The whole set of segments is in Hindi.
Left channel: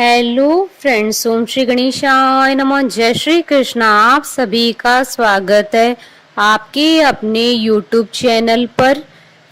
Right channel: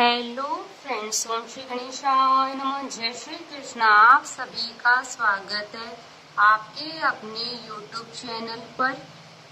हेलो फ्रेंड्स, ओम श्री गणेशाय नमः। जय श्री कृष्णा। आप सभी का स्वागत है आपके अपने यूट्यूब चैनल पर।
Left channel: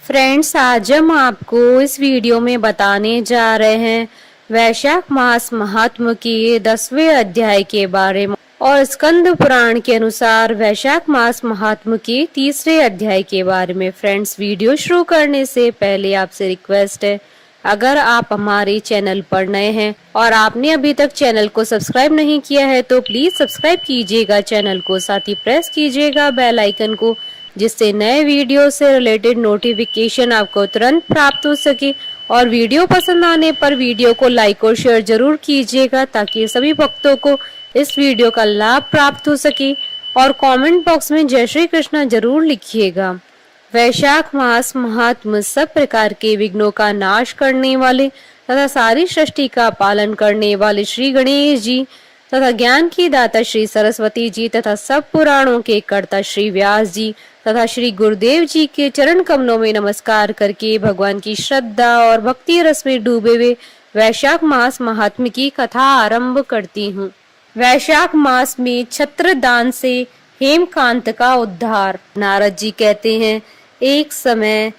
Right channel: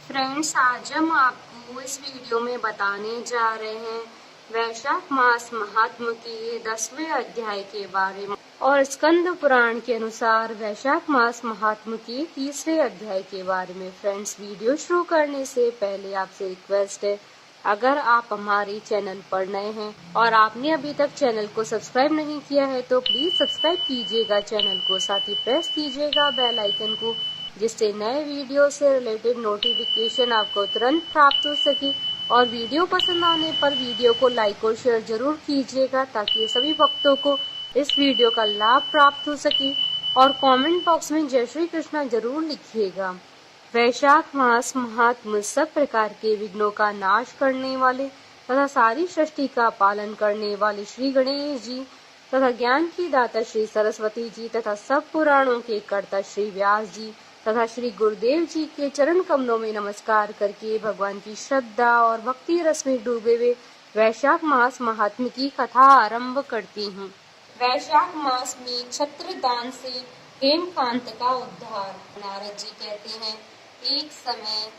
फ्रेंड्स, आज हम आपको इस वीडियो में बताने जा रहे हैं वैशाख मास महात्म के 10वें अध्याय के बारे में और स्कंद पुराण के अनुसार वैशाख मास महात्म के 3रे अध्याय के बारे में। फ्रेंड्स, वीडियो शुरू करने से पहले आपसे रिक्वेस्ट है, अगर आप हमारे चैनल पर नए हैं और आपने अभी तक चैनल को सब्सक्राइब नहीं किया है तो प्लीज सब्सक्राइब कीजिएगा चैनल को, साथ ही प्रेस कीजिएगा बेल आइकन को, जिससे नए वीडियो से रिलेटेड नोटिफिकेशन आपको तुरंत प्राप्त हो सके। और वीडियो पसंद आने पर वीडियो को लाइक और शेयर जरूर कीजिएगा ताकि सभी भक्तों को इस वीडियो का लाभ प्राप्त हो सके। और कमेंट बॉक्स में जय श्री कृष्णा जरूर लिखिएगा। वैशाख मास महात्म सब प्रकार के विघ्नों का नाश करने वाले तथा सारी सृष्टि का पालन करने वाले श्री गणेश जी तथा ज्ञान की दाता श्री सरस्वती जी तथा सब पुराणों के कर्ता श्री व्यास जी तथा श्री गुरुदेव जी के चरण कमलों में नमस्कार करके भगवान की श्रद्धा और भक्ति रस में डूबे हुए वैशाख मास महात्म की कथा आरंभ करती हूँ। वैशाख मास में छत्र दान से हेमकांत का उद्धार। नारद जी कहते हैं, एक समय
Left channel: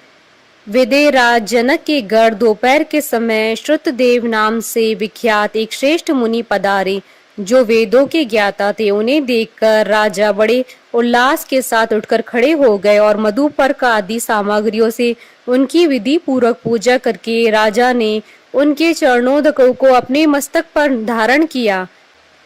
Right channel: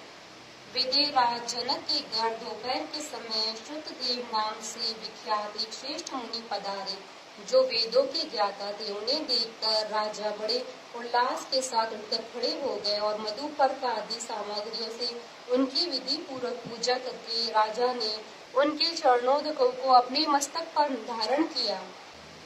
विदेराज जनक के घर दोपहर के समय श्रुतदेव नाम से विख्यात एक श्रेष्ठ मुनि पधारे, जो वेदों के ज्ञाता थे। उन्हें देखकर राजा बड़े उल्लास के साथ उठकर खड़े हो गए और मधुपर्क आदि सामग्रियों से उनकी विधि पूर्वक पूजा करके राजा ने उनके चरणोदकों को अपने मस्तक पर धारण किया।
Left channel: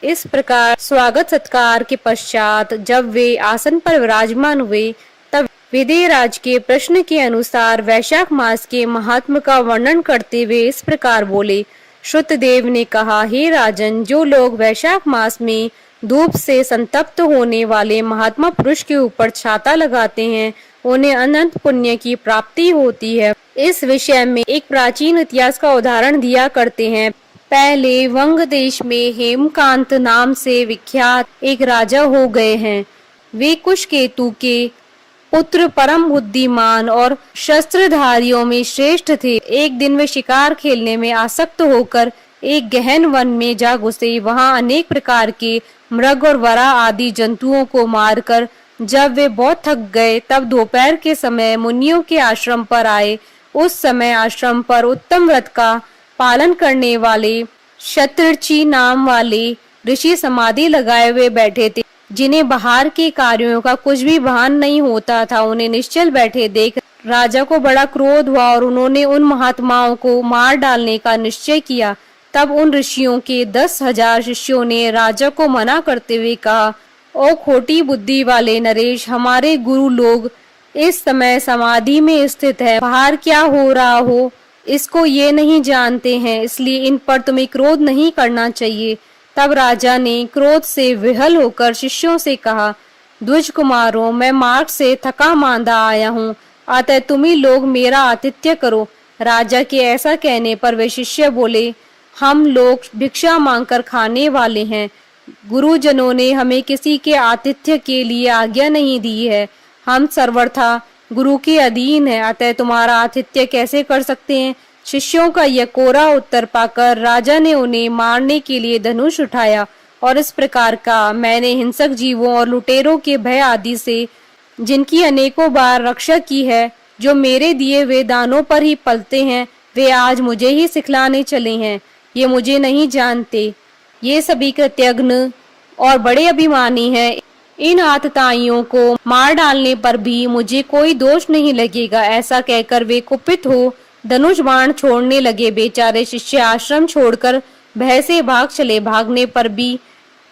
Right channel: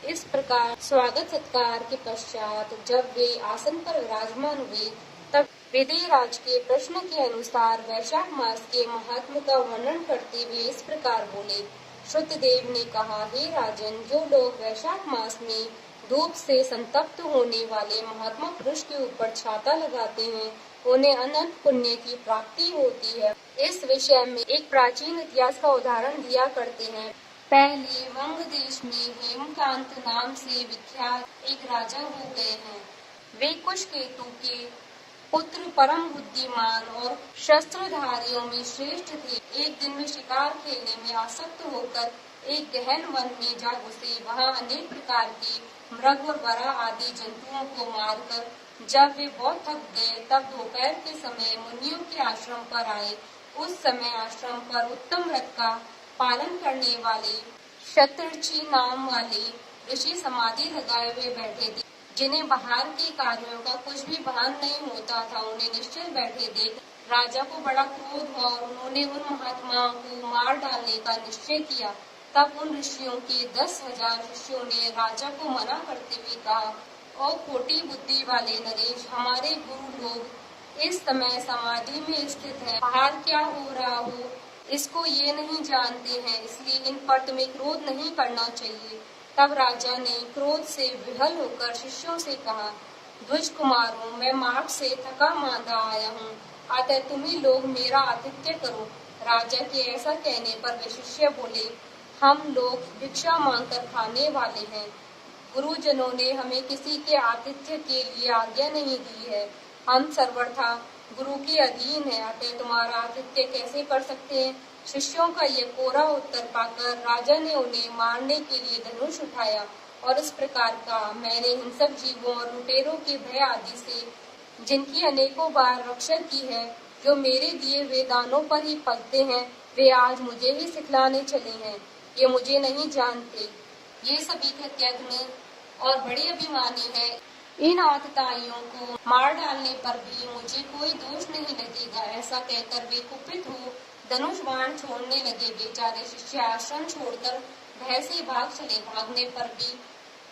इस प्रकार स्वागत सत्कार के पश्चात जब वे आसन पर विराजमान हुए तब विदेराज के प्रश्न के अनुसार वैशाख मास के महात्म का वर्णन करते हुए इस प्रकार बोले। श्रुतदेव ने कहा, हे राजन, जो लोग वैशाख मास में धूप से संतप्त होने वाले महात्मा पुरुष के ऊपर छाता लगाते हैं, उन्हें अनंत पुण्य की प्राप्ति होती है। इस विषय में एक प्राचीन इतिहास का उदाहरण दिया करते हैं। पहले वंग देश में हेमकांत नाम से विख्यात एक राजा हो गए हैं। वे कुशकेतु के पुत्र परम बुद्धिमान और शस्त्रधारियों में श्रेष्ठ थे। एक दिन वे शिकार खेलने में आसक्त होकर एक गहन वन में जा घुसे। वहां अनेक प्रकार के मृग और वरा आदि जंतुओं को मारकर जब वे बहुत थक गए तब दोपहर के समय मुनियों के आश्रम पर आए। उस समय आश्रम पर उत्तम व्रत का पालन करने वाले शतृचि नाम वाले ऋषि समाधि लगाए हुए बैठे थे, जिन्हें बाहर के कार्यों का कुछ भी भान नहीं होता था। उन्हें निश्चल बैठे देख राजा को बड़ा क्रोध हुआ और उन्होंने उन महात्माओं को मार डालने का निश्चय किया। तब उन ऋषियों के 10,000 शिष्यों ने राजा को मना करते हुए कहा, ओ खोटी बुद्धि वाले नरेश, हमारे गुरु लोग इस समय समाधि में स्थित है। बाहर क्या हो रहा हो इसको ये नहीं जानते हैं, इसलिए इन पर तुम्हें क्रोध नहीं करना चाहिए। तब राजा ने क्रोध से विहल होकर शिष्यों से कहा, द्विज कुमारों, मैं मार्ग से थका मांदा आया हूँ, अतः तुम ही लोग मेरा आतिथ्य करो। राजा के ऐसा कहने पर वे शिष्य बोले, हम लोग भिक्षा मांगकर खाने वाले हैं। गुरुजनों ने हमें किसी के आतिथ्य के लिए आज्ञा नहीं दी है। हम सर्वथा गुरु के अधीन है, अतः तुम्हारा आतिथ्य कैसे कर सकते हैं। शिष्यों का यह कोरा उत्तर पाकर राजा ने उन्हें मारने के लिए धनुष उठाया और इस प्रकार का, मैंने हिंसक जीवों और लुटेरों के भय आदि से जिनकी अनेकों बार रक्षा की है, जो मेरे दिए हुए दानों पर ही पलते हैं, वे आज मुझे ही सिखलाने चले हैं। ये मुझे नहीं जानते, ये सभी कृतज्ञ और बड़े अभिमानी हैं। इन आतताइयों को मार डालने पर भी मुझे कोई दोष नहीं लगेगा। ऐसा कहकर वे कुपित हो धनुष बाण छोड़ने लगे। बेचारे शिष्य आश्रम छोड़कर भय से भाग चले। भागने पर भी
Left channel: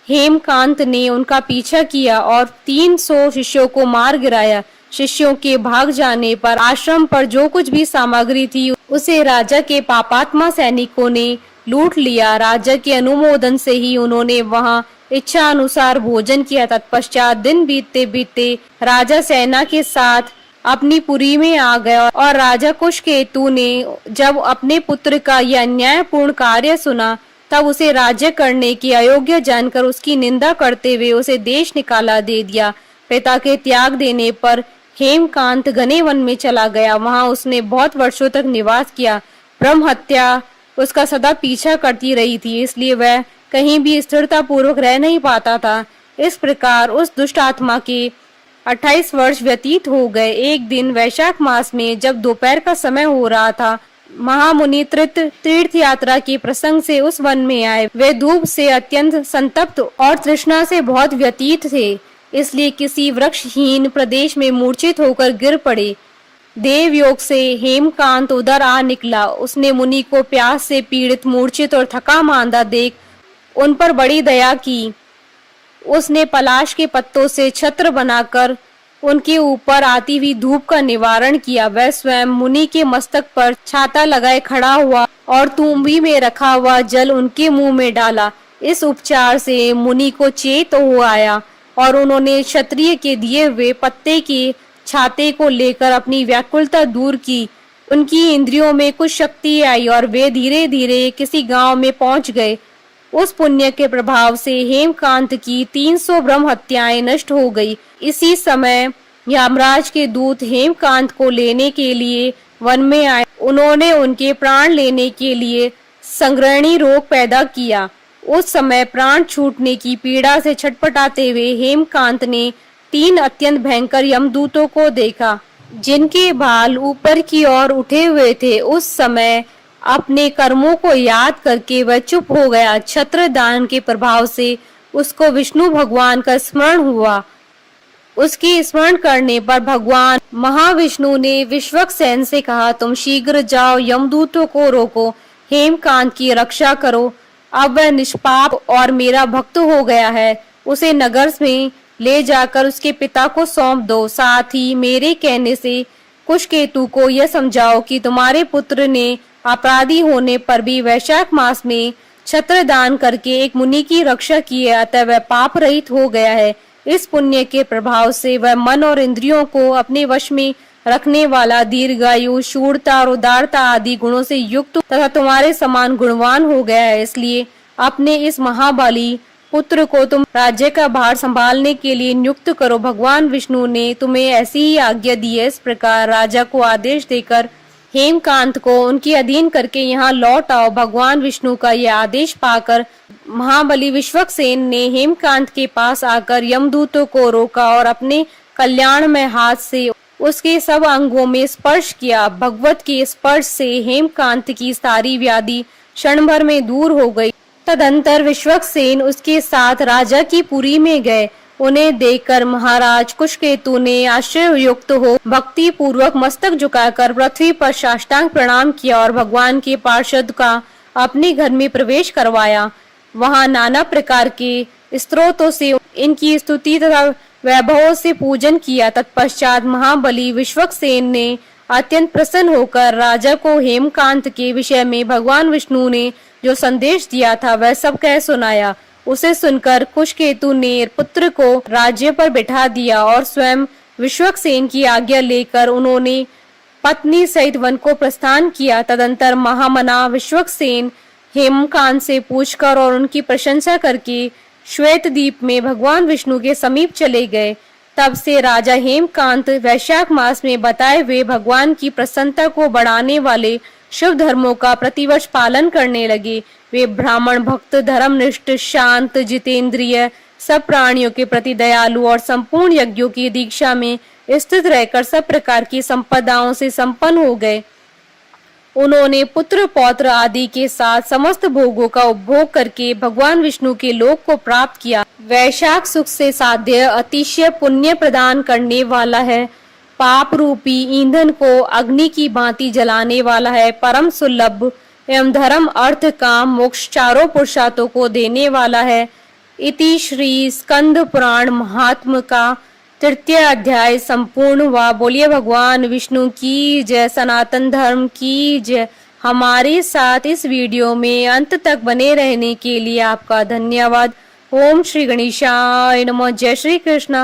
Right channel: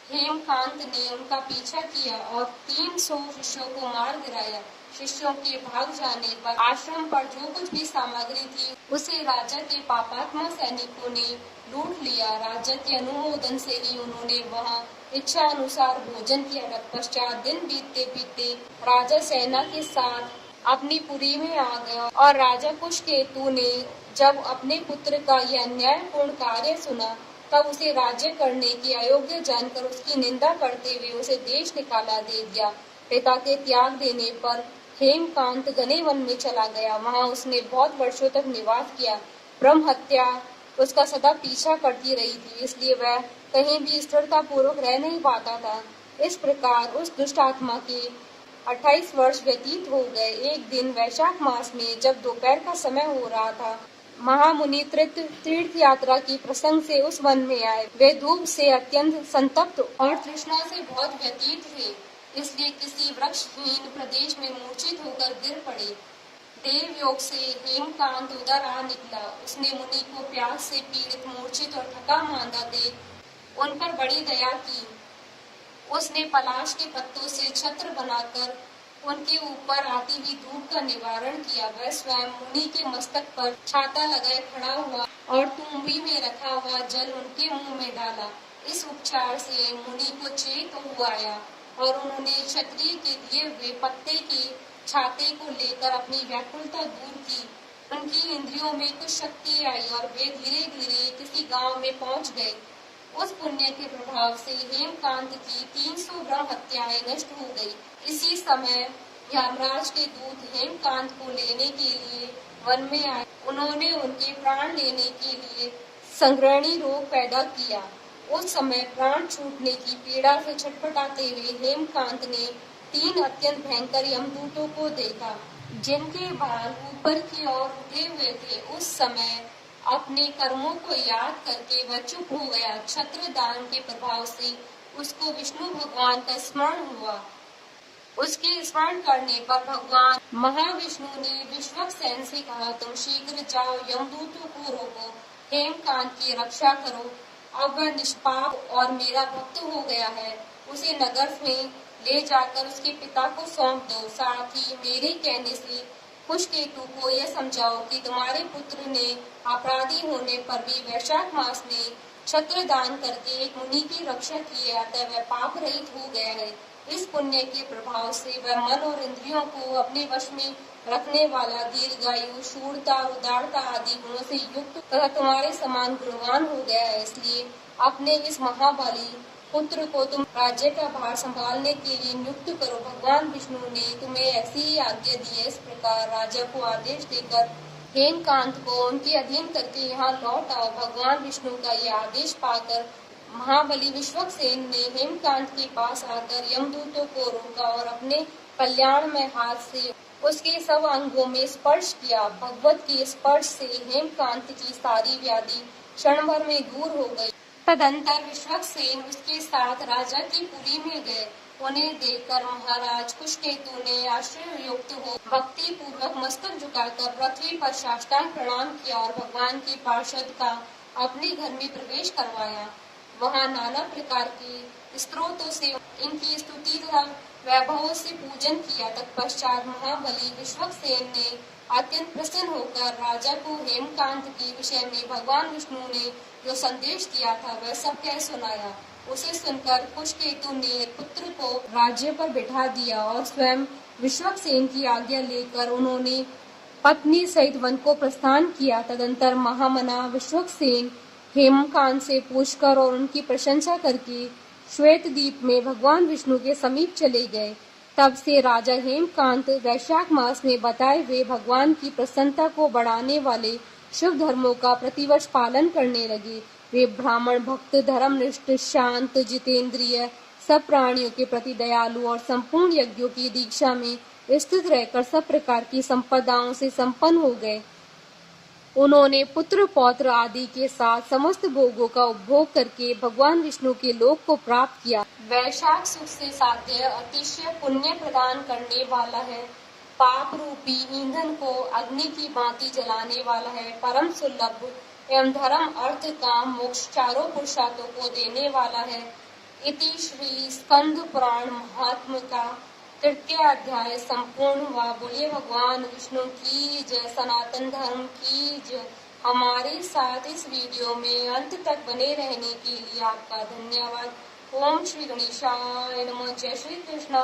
हेमकांत ने उनका पीछा किया और 300 शिष्यों को मार गिराया। शिष्यों के भाग जाने पर आश्रम पर जो कुछ भी सामग्री थी उसे राजा के पापात्मा सैनिकों ने लूट लिया। राजा के अनुमोदन से ही उन्होंने वहां इच्छा अनुसार भोजन किया। तत्पश्चात दिन बीतते बीतते राजा सेना के साथ अपनी पुरी में आ गया और राजा कुशकेतु ने जब अपने पुत्र का यह अन्यायपूर्ण कार्य सुना तब उसे राज्य करने की अयोग्य जानकर उसकी निंदा करते हुए उसे देश निकाला दे दिया। पिता के त्याग देने पर हेमकांत घने वन में चला गया। वहां उसने बहुत वर्षों तक निवास किया। ब्रह्म हत्या उसका सदा पीछा करती रही थी, इसलिए वह कहीं भी स्थिरता पूर्वक रह नहीं पाता था। इस प्रकार उस दुष्ट आत्मा के 28 वर्ष व्यतीत हो गए। एक दिन वैशाख मास में जब दोपहर का समय हो रहा था, महामुनि तीर्थ यात्रा के प्रसंग से उस वन में आए। वे धूप से अत्यंत संतप्त और तृष्णा से बहुत व्यतीत थे, इसलिए किसी वृक्षहीन प्रदेश में मूर्छित होकर गिर पड़े। देवयोग से हेमकांत उधर आ निकला। उसने मुनि को प्यास से पीड़ित, मूर्छित और थका मांदा देख उन पर बड़ी दया की। उसने पलाश के पत्तों से छत्र बनाकर उनके ऊपर आती हुई धूप का निवारण किया। वह स्वयं मुनि के मस्तक पर छाता लगाए खड़ा हुआ और तुम्बी में रखा हुआ जल उनके मुंह में डाला। इस उपचार से मुनि को चेत हो आया और उन्होंने क्षत्रिय के दिए हुए पत्ते के छाते को लेकर अपनी व्याकुलता दूर की। उनकी इंद्रियों में कुछ शक्ति आई और वे धीरे धीरे किसी गांव में पहुंच गए। उस पुण्य के प्रभाव से हेमकांत की 300 ब्रह्म हत्याएं नष्ट हो गई। इसी समय यमराज के दूत हेमकांत को लेने के लिए वन में आए। उन्होंने उनके प्राण लेने के लिए संग्रहणी रोग पैदा किया। उस समय प्राण छूटने की पीड़ा से छटपटाते हुए हेमकांत ने 3 अत्यंत भयंकर यमदूतों को देखा, जिनके बाल ऊपर की ओर उठे हुए थे। उस समय अपने कर्मों को याद करके वह चुप हो गया। छत्र दान के प्रभाव से उसको विष्णु भगवान का स्मरण हुआ। उसके स्मरण करने पर भगवान महाविष्णु ने विश्वक्सेन से कहा, तुम शीघ्र जाओ, यमदूतों को रोको, हेमकांत की रक्षा करो। अब वह निष्पाप और मेरा भक्त हो गया है। उसे नगर में ले जाकर उसके पिता को सौंप दो। साथ ही मेरे कहने से कुशकेतु को यह समझाओ कि तुम्हारे पुत्र ने अपराधी होने पर भी वैशाख मास में छत्र दान करके एक मुनि की रक्षा की है, अतः वह पाप रहित हो गया है। इस पुण्य के प्रभाव से वह मन और इंद्रियों को अपने वश में रखने वाला, दीर्घायु, शूरता और उदारता आदि गुणों से युक्त तथा तुम्हारे समान गुणवान हो गया है। इसलिए अपने इस महाबली पुत्र को तुम राज्य का भार संभालने के लिए नियुक्त करो। भगवान विष्णु ने तुम्हें ऐसी ही आज्ञा दी है। इस प्रकार राजा को आदेश देकर हेमकांत को उनके अधीन करके यहाँ लौट आओ। भगवान विष्णु का यह आदेश पाकर महाबली विश्वक्सेन ने हेमकांत के पास आकर यमदूतों को रोका और अपने कल्याण में हाथ से उसके सब अंगों में स्पर्श किया। भगवत के स्पर्श से हेमकांत की सारी व्याधि क्षण भर में दूर हो गई। तदंतर विश्वक्सेन उसके साथ राजा की पुरी में गए। उन्हें देखकर महाराज कुशकेतु ने आश्चर्ययुक्त हो भक्ति पूर्वक मस्तक झुकाकर पृथ्वी पर साष्टांग प्रणाम किया और भगवान के पार्षद का अपने घर में प्रवेश करवाया। वहां नाना प्रकार के स्तोत्रों से इनकी स्तुति तथा वैभव से पूजन किया। तत्पश्चात महाबली विश्वक्सेन ने अत्यंत प्रसन्न होकर राजा को हेमकांत के विषय में भगवान विष्णु ने जो संदेश दिया था वह सब कह सुनाया। उसे सुनकर कुशकेतु ने पुत्र को राज्य पर बिठा दिया और स्वयं विश्वक्सेन की आज्ञा लेकर उन्होंने पत्नी सहित वन को प्रस्थान किया। तदंतर महामना विश्वक्सेन हेमकांत से पूछकर और उनकी प्रशंसा करके श्वेत द्वीप में भगवान विष्णु के समीप चले गए। तब से राजा हेमकांत वैशाख मास में बताए हुए भगवान की प्रसन्नता को बढ़ाने वाले शुभ धर्मों का प्रतिवर्ष पालन करने लगे। वे ब्राह्मण भक्त, धर्मनिष्ठ, शांत, जितेंद्रिय, सब प्राणियों के प्रति दयालु और संपूर्ण यज्ञों की दीक्षा में स्थित रहकर सब प्रकार की संपदाओं से संपन्न हो गए। उन्होंने पुत्र पौत्र आदि के साथ समस्त भोगों का उपभोग करके भगवान विष्णु के लोक को प्राप्त किया। वैशाख सुख से साध्य अतिशय पुण्य प्रदान करने वाला है। पाप रूपी ईंधन को अग्नि की भांति जलाने वाला है। परम सुलभ एवं धर्म, अर्थ, काम, मोक्ष चारों पुरुषार्थों को देने वाला है। इति श्री स्कंद पुराण महात्म का 3 अध्याय संपूर्ण हुआ। बोलिए भगवान विष्णु की जय, सनातन धर्म की जय। हमारे साथ इस वीडियो में अंत तक बने रहने के लिए आपका धन्यवाद। ओम श्री गणेशाय नमः। जय श्री कृष्ण।